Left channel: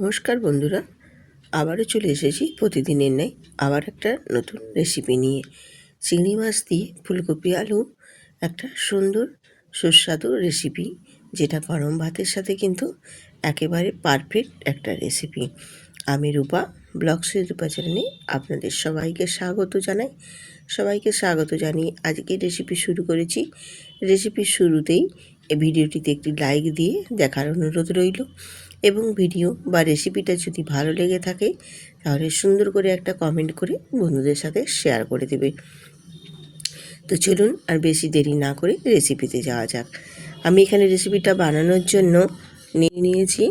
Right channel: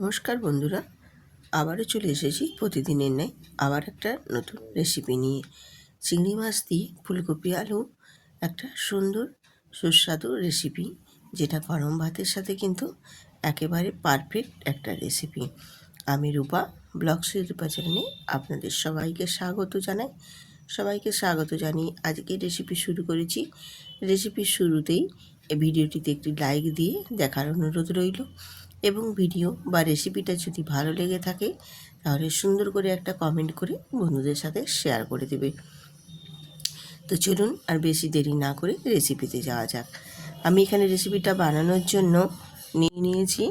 নমস্কার বন্ধুরা, আবারও চলে এসেছি প্রতিদিনের ন্যায় আবার একটা নতুন রেসিপি নিয়ে। চিংড়ি মাছ দিয়ে ফুলকপি আলু একটা সুন্দর সুস্বাদু রেসিপি, যেটা গরম ভাতের সাথে কিন্তু একেবারে পারফেক্ট একটা রেসিপি। আমি রূপা, ব্লগসের রূপা চ্যানেলে আপনাদের সবাইকে স্বাগত জানিয়ে আজকে রেসিপি শুরু করেছি। রেসিপির শুরুতেই এই ভিডিওটিতে একটি লাইক দিয়ে দেখার অনুরোধ রইল, এবং ভিডিও বা রেসিপিটা যদি ভালো লেগে থাকে তাহলে সুন্দর করে একটা কমেন্ট করে বন্ধুদের সাথে শেয়ার করে দেবে। তো চলুন আর বেশি দেরি না করে রেসিপিতে যাওয়া যাক। আমি এখানে রেসিপিটা বানানোর জন্য নিয়েছি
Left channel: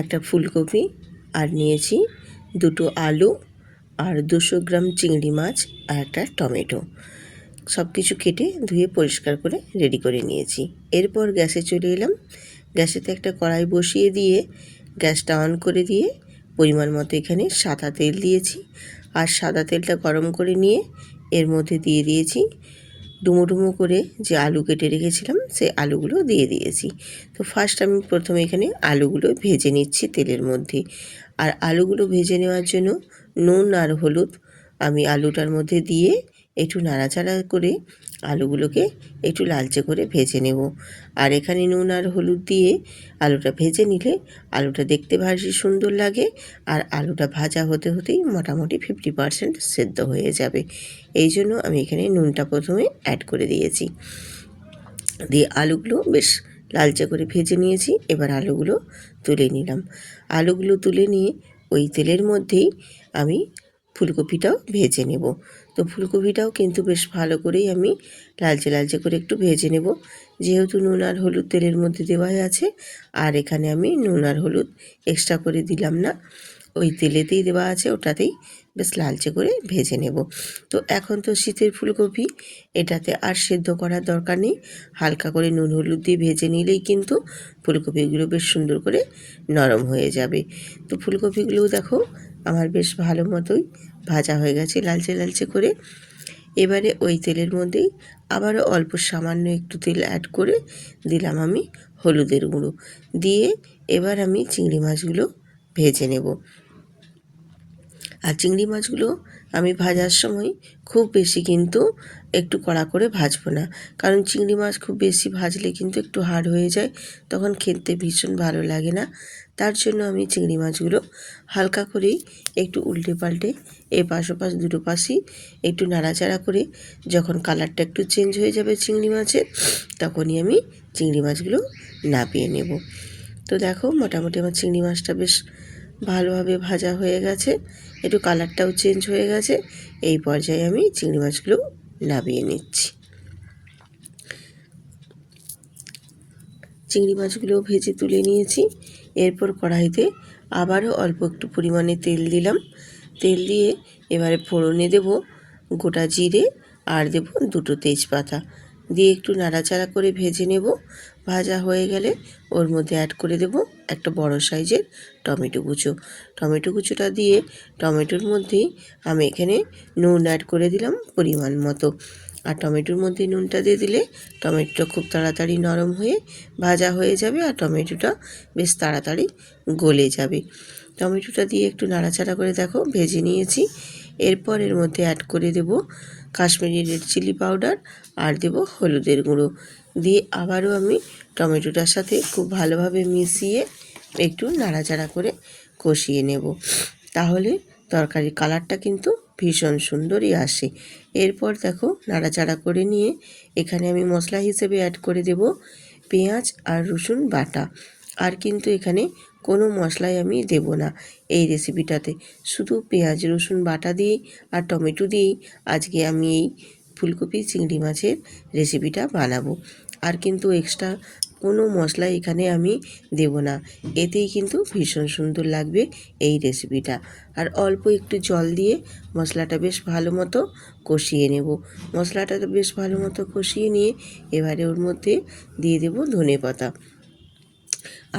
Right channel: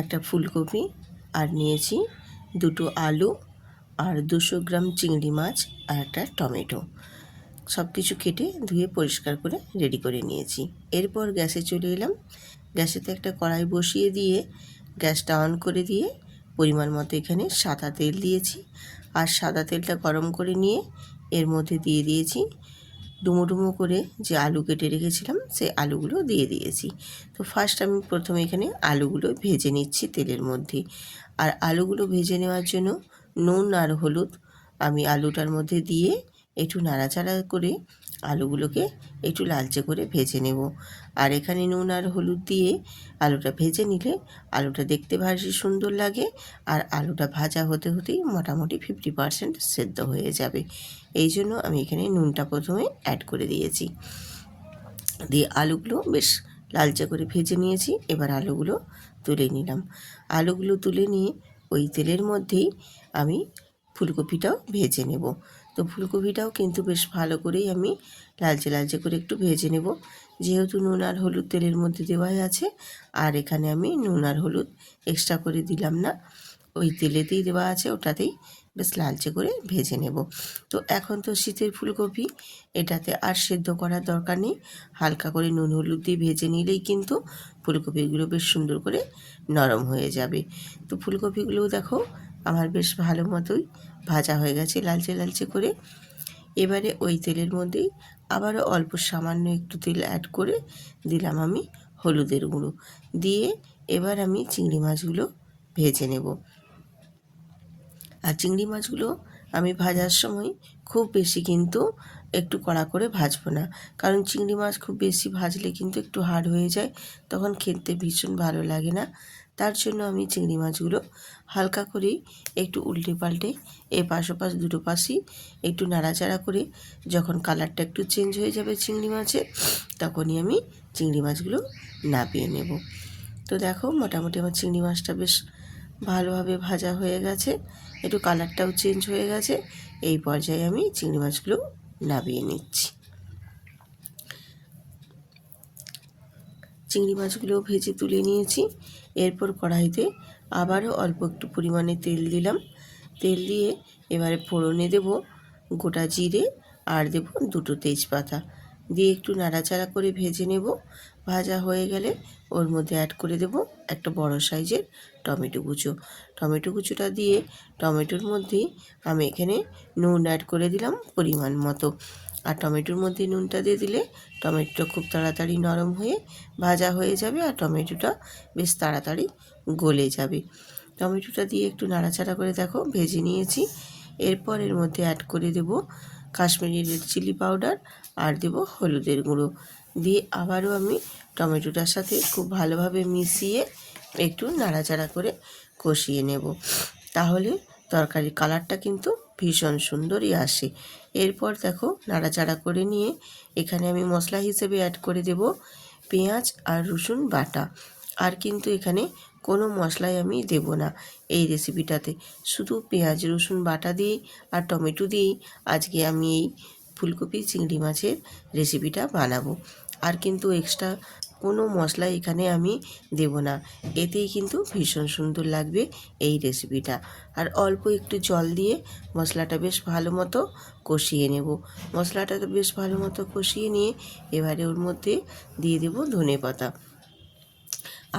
একটা ফুলকপি, আর নিয়েছি দুটো আলু, আর 200 গ্রাম চিংড়ি মাছ, আর একটা টমেটো। সব কিছু কেটে ধুয়ে পরিষ্কার করে রেডি করে নিয়েছি। এরপর গ্যাসে চলে এলাম। গ্যাসেতে একটা কড়াই বসিয়ে দিয়ে গ্যাসটা অন করে দিয়ে পরিমাণ মতো এখানে সাদা তেল দিয়েছি। আর সাদা তেলটা গরম করে নিয়ে এর মধ্যে দিয়ে দিয়েছি ডুমো ডুমো করে যে আলু কেটে রেখেছিলাম, সেই আলুগুলো দিয়ে দিয়েছি। তো ফার্স্ট আমি প্রথমে এখানে আলুগুলো ভেজে নিচ্ছি তেলের মধ্যে। আর আলুগুলো ভেজে নেওয়ার জন্য নুন আর হলুদ আমি আলুটার মধ্যে দিয়ে একটু নাড়াচাড়া করে আলুগুলোকে একটু লালচে করে ভেজে নেব। আর এখানে নুন আর হলুদ দিয়ে আলুটা ভেজে নিলে আলুটা দেখতে ভারী সুন্দর লাগে, আর আলুটা ভাজা হতে হতেই মোটামুটি 50% সেদ্ধ হয়ে যাবে। এই জন্য আমি এখানে নুনটা প্রথমে অ্যাড করে দিয়েছি। দিয়ে আলুগুলো বেশ লালচে করে ভেজে নিয়েছি। এবার আলুগুলো তুলে নিলাম। আলুগুলো তুলে নিয়ে ওই তেলের মধ্যেই আমি ফুলকপিটাও ভেজে নেব। তো ফুলকপিটাও কিন্তু বেশ ভালো করেই আমি লালচে করে একটু ভেজে নেব। যেহেতু নুন আর হলুদ তেলের মধ্যে দেওয়াই আছে, আর এখানে আমি নুন আর হলুদ এক্সট্রা করে দিলাম না, ওই তেলেতেই দেওয়া আছে, ওটাতেই বেশ লালচে করে ভেজে নেব। তো এখন তো শীতের ফুলকপি, এটাতে আর সেদ্ধ করার দরকার নেই। হালকা করে নুন হলুদ দিয়ে ভেজে নিলেই কিন্তু ফুলকপিগুলো বেশ সুন্দর করে নরম হয়ে যাবে। তো ফুলকপিগুলোও দেখো আমার বেশ ভালো মতোই ভাজা হয়ে গেছে লালচে করে। এবারে ওই তেলের মধ্যেই আবারও অল্প সামান্য একটু তেল অ্যাড করে দিলাম আমি হলুদের গুঁড়ো দিয়ে। এবার আমি চিংড়ি মাছগুলো ভেজে নেব। আর চিংড়ি মাছগুলো আমি ভাজার সময় খুব বেশি কিন্তু একটু কড়া করে ভাজবো না, কারণ চিংড়ি মাছ খুব বেশি ভাজলে কিন্তু একটু হার্ড হয়ে যায়, তখন খেতে ভীষণ ভালো লাগে না। তার জন্য আমি চিংড়ি মাছগুলো হালকা করেই একটু উল্টে পাল্টে এপাশ ওপাশ দুটো পাশই একটু নাড়াচাড়া করে যখন কালারটা একটু চেঞ্জ হয়ে যাবে চিংড়ি মাছের, তখনই আমি চিংড়ি মাছগুলো নামিয়ে নেব। তো দেখো মোটামুটি আমার চিংড়ি মাছটা বেশ ভালোভাবে ভাজা হয়ে গেছে, একটু কালারটাও চেঞ্জ হয়ে গেছে। এই পর্যায়ে আমি চিংড়ি মাছগুলো নামিয়ে নিচ্ছি। চিংড়ি মাছগুলো ভেজে তুলে নিয়েছি। এরপর কড়াইতে আবারও অল্প একটু পরিমাণে তেল দিলাম। তেল দিয়ে এবারে ফোড়নে দেব গোটা জিরে, আর দেব দুটো তেজপাতা দিয়ে একটু নাড়াচাড়া করে ভেজে নেব। ভাজা হয়ে গেলে ওর মধ্যে অ্যাড করে দেব একটা বড় সাইজের টমেটো কুচোটা দিয়ে টমেটোর মধ্যেই আমি এখানে নুন অ্যাড করে দিলাম পরিমাণ মতো। আর টমেটোর মধ্যে নুনটা দিয়ে দিলে টমেটোটা খুব তাড়াতাড়ি নরম হয়ে ভাজা হয়ে যাবে, আর টমেটোটা বেশ তাড়াতাড়ি গলে যাবে। টমেটোটা দিয়ে একটু নাড়াচাড়া করে দেখো ভেজে নিয়েছি। এরপর এর মধ্যে অ্যাড করে দেব কাশ্মীরি রেড চিলি পাউডার, আর দেব হলুদের গুঁড়ো দিয়ে আবারও আমি টমেটোটার সাথে খুব ভালোভাবে মিশিয়ে একটু নাড়াচাড়া করে কষিয়ে নেব। তাহলে তরকারির কালারটা কিন্তু ভীষণ সুন্দরই আসে। এরপর দেখো নাড়াচাড়া করে নিয়ে এখানে আমি মশলা হিসেবে অ্যাড করে দেব পেঁয়াজ আর রসুন বাটা। আর কিন্তু এখানে কোনো মশলাই আমি দেব না এই রেসিপিটাতে, শুধু পেঁয়াজ রসুন বাটা দিয়েই আর টমেটো দিয়েই আজকে আমি এই ফুলকপি চিংড়ি মাছের রেসিপিটা বানাবো। আর কিন্তু এক্সট্রা কোনো মশলা এখানে আমি দেব না, এতেই কিন্তু ভীষণ সুন্দর লাগবে এই রেসিপিটা। আর অল্প একটু জল দিয়ে মশলাটা বেশ ভালো মতো কষিয়ে নেব। মশলাটা বেশ ভালো মতো কষিয়ে নিয়ে এবারে ওর মধ্যে দিয়ে দেব ধনেপাতা,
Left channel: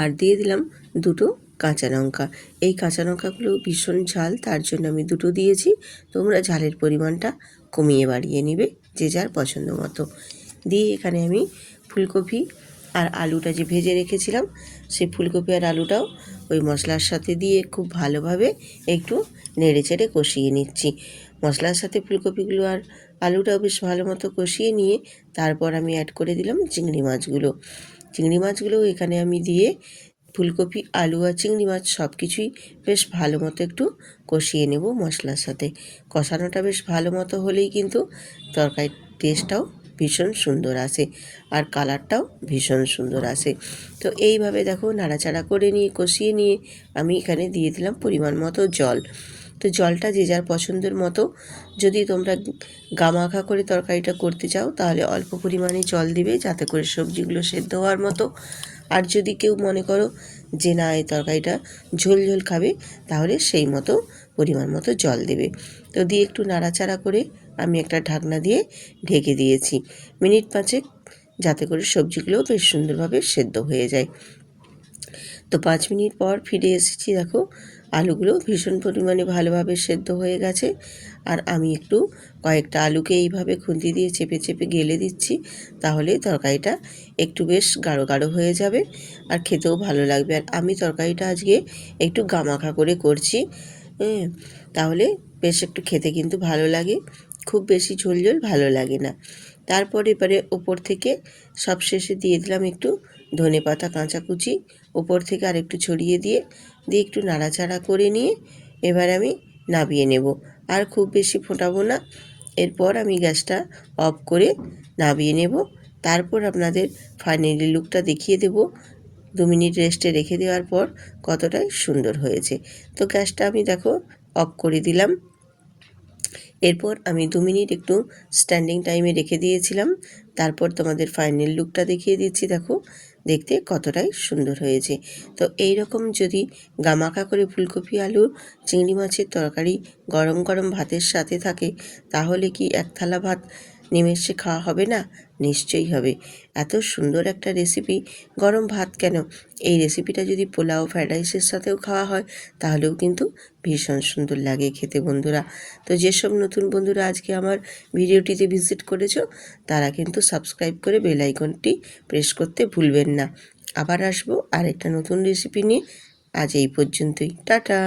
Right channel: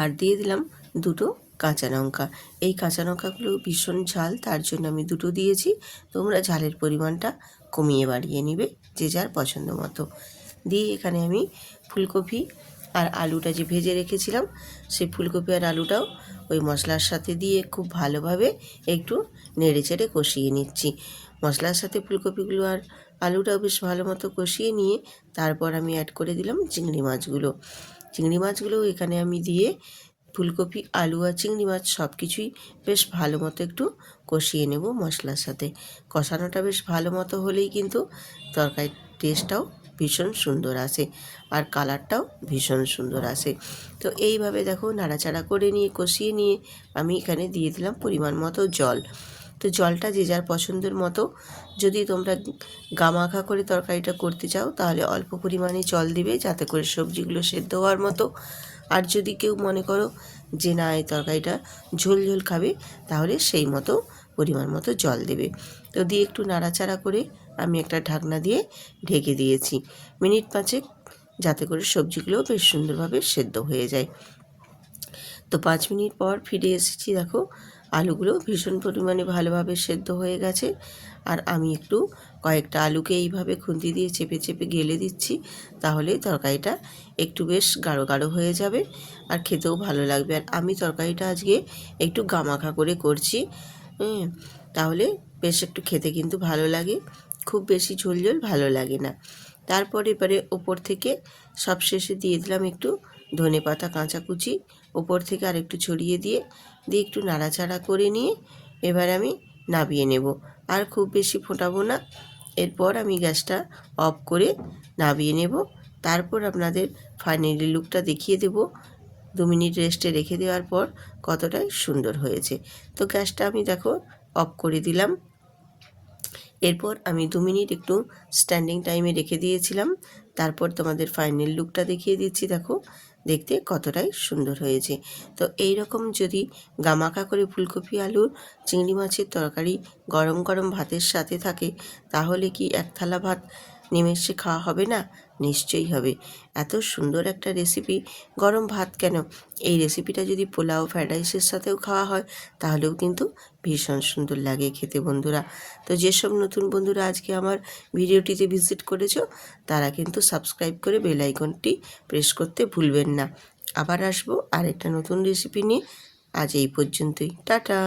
আর দিয়ে দিলাম দুটো কাঁচা লঙ্কা। এই কাঁচা লঙ্কাগুলো ভীষণ ঝাল, তার জন্য আমি দুটো দিয়েছি। তোমরা ঝালের পরিমাণটা কমিয়ে বাড়িয়ে নেবে যে যার পছন্দ মতো। দিয়ে এখানে আমি ফুলকপি আর আলুটা যে ভেজে রেখেছিলাম সেই ফুলকপি আর আলুটাও ওই মশলার সাথে দিয়ে খুব ভালোভাবে একটু নেড়ে চেড়ে কষিয়ে নিচ্ছি। মশলার সাথে ফুলকপিগুলো আর আলুটাও বেশ ভালো মতো কষিয়ে নিয়ে তারপর আমি অ্যাড করে দিলাম চিংড়ি মাছগুলো। চিংড়ি মাছগুলো এখানে আমি দিয়ে ফুলকপি, আলু আর চিংড়ি মাছ সব কিছুই বেশ ভালো মতো একটু কষিয়ে নেব মশলার সাথে। কষানোটা বেশ ভালো মতো হলেই কিন্তু তরকারির টেস্টটাও ভীষণ সুন্দর আসে আর কালারটাও ভীষণ সুন্দর আসে। তো এইভাবে দেখো নাড়াচাড়া করে নিয়ে কষিয়ে নিয়ে আমি এখানে দিয়ে দিলাম পরিমাণ মতো জল। তো জলটা যে যার পছন্দের মতো, যদি তোমরা গামাখা করে তরকারিটা করতে চাও তাহলে অল্প পরিমাণে জল দিবে যাতে করে সবজিগুলো সেদ্ধ হওয়ার মতো। আর যদি কেউ মনে করো যে না এই তরকারিটা ঝোল ঝোল খাবে তাহলে সেই মতো পরিমাণ মতো জল দেবে। তো দিয়ে একটু নাড়াচাড়া করে আমি একটা ঢাকনা দিয়ে ঢেকে দিয়েছি মিনিট 5, যাতে করে সবজিগুলো বেশ সুন্দরভাবে সেদ্ধ হয়ে যায়। তো 5 মিনিট পর ফিরে এসেছি, দেখো আলুগুলো ভীষণ পরিমাণে ভালোভাবে সেদ্ধ হয়ে গেছে। আর আমি একটু কয়েকটা আলুকে এইভাবে খুন্তি দিয়ে চেপে চেপে গেলে দিচ্ছি, তাহলে তরকারিটা একটু বেশ গাঢ় গাঢ় হয়ে যাবে আর খেতেও ভালো লাগবে। আর আমি তরকারিটা আজকে একটু গামাখা করে করছি, তাহলে বেশ একটু খেতে কিন্তু ভালো লাগে, খুব বেশি ঝোল ঝোল ভালো লাগে না। তারপর এবারে ওপর থেকে সবশেষে দিয়ে দিলাম একটু ধনেপাতা কাঁচা কুচি, ওপর থেকে আর একটু ছড়িয়ে দিয়ে একটু নাড়াচাড়া করে নিয়ে এবার আমি নামিয়ে নেব। আর খুব বেশি ফোটাবো না, এরপর আমি গ্যাসটা অফ করে নামিয়ে নেব। তারপর আপনাদের ফাইনালি লুকটা দেখিয়ে দেব 2 মিনিট রেস্টে রেখে দেওয়ার পর কতটাই সুন্দর হয়েছে। তো গ্যাসটা আমি দেখো অফ করে দিলাম। এরপর আমি 2 মিনিট একটু স্ট্যান্ডিং টাইমে রেখে দিয়েছিলাম। তারপর তোমাদের ফাইনাল লুকটা দেখিয়ে দিচ্ছি, দেখো দেখতে কতটাই সুন্দর হয়েছে। তো এই রকম যদি গামাখা করে ফুলকপি আলুর চিংড়ি মাছের তরকারি গরম গরম ভাতের সাথে থাকে তাহলে কি এক থালা ভাত নিমেষে খাওয়া হবে না? নিশ্চয়ই হবে। এত সুন্দর একটা রেসিপি, গরম ভাত কেন, এই রেসিপিটা যদি পোলাও, ফ্রাইড রাইসের সাথেও খাওয়া হয় তাহলেও কিন্তু ভীষণ সুন্দর লাগে খেতে বন্ধুরা। তো যেসব নতুন বন্ধুরা আজকে আমার ভিডিওটিতে ভিজিট করেছো তারা কিন্তু সাবস্ক্রাইব করে বেল আইকনটি প্রেস করতে ভুলবেন না। আবার আসবো আর একটা নতুন রেসিপি নিয়ে। আজ এই পর্যন্তই, টাটা।